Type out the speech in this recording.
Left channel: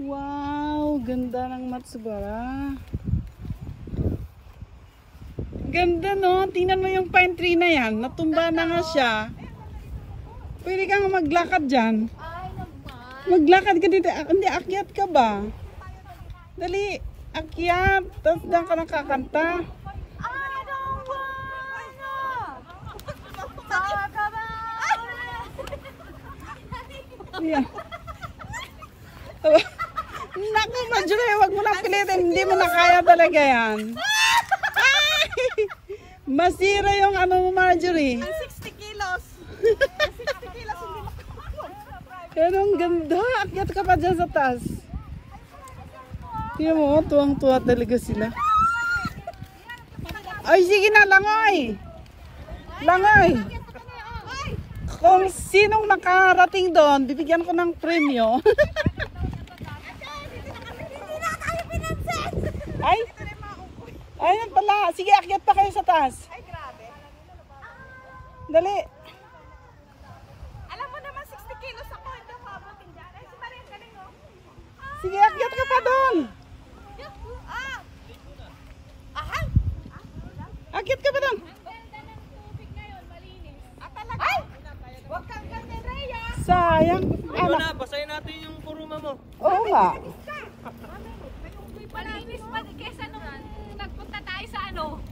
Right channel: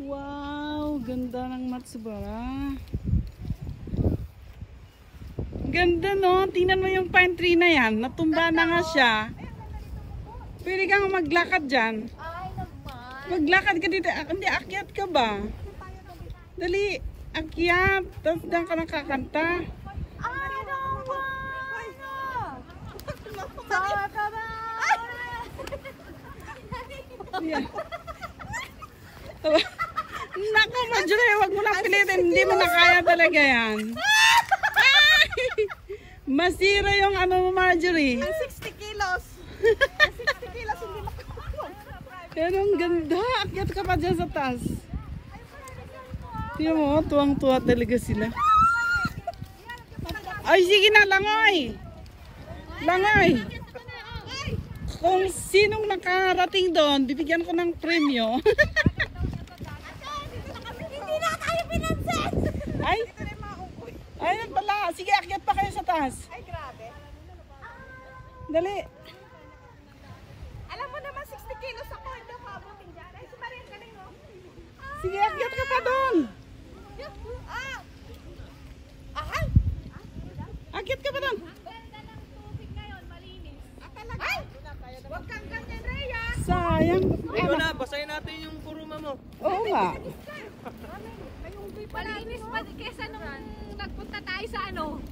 Wow, ganda ng Matsubara. Ganda no, tingnan mo yung pine tree na yan, natumba na nga siya. Pwede kang maglakad dyan. Ay naman. Maglakad ka dito, hindi akyat ka ba? Dali, akyat, tapos dyan ka nang kakanta. I don't wanna talk about Yeah. Naku, Marjorie, wag mo lang pilitin. Hindi mo na kaya talaga yan. Ay! Masira yung ano mo, Marjorie. 60 kilos. 60 kilos hindi makakapag. Pero ang ganda. Akyat ka pa dyan sa taas. Tingnan mo, tuwang-tuwa talaga sila. Ay, sige na, langoy. Langoy. Kung sinong nakarating doon, bibigyan ko ng premyo. Ay, ayun pala. Sige, akyat pa kayo sa taas. Ay, grabe. Dali. Alam mo naman 60 kilos ako, hindi ako abutin dyan. Ay, si Maria, galing oh. Sige, akyat ka pa doon. Ahal! Akyat ka pa doon. Ganda ng tubig ngayon, malinis. Talaga? Ay! Huwag kang ganda, Rhea. Sayang. Ikaw na, basahin natin yung kuruma mo. Oo nga. May unggoy pala. Malagis pa kesa nung nagpunta tayo sa ano.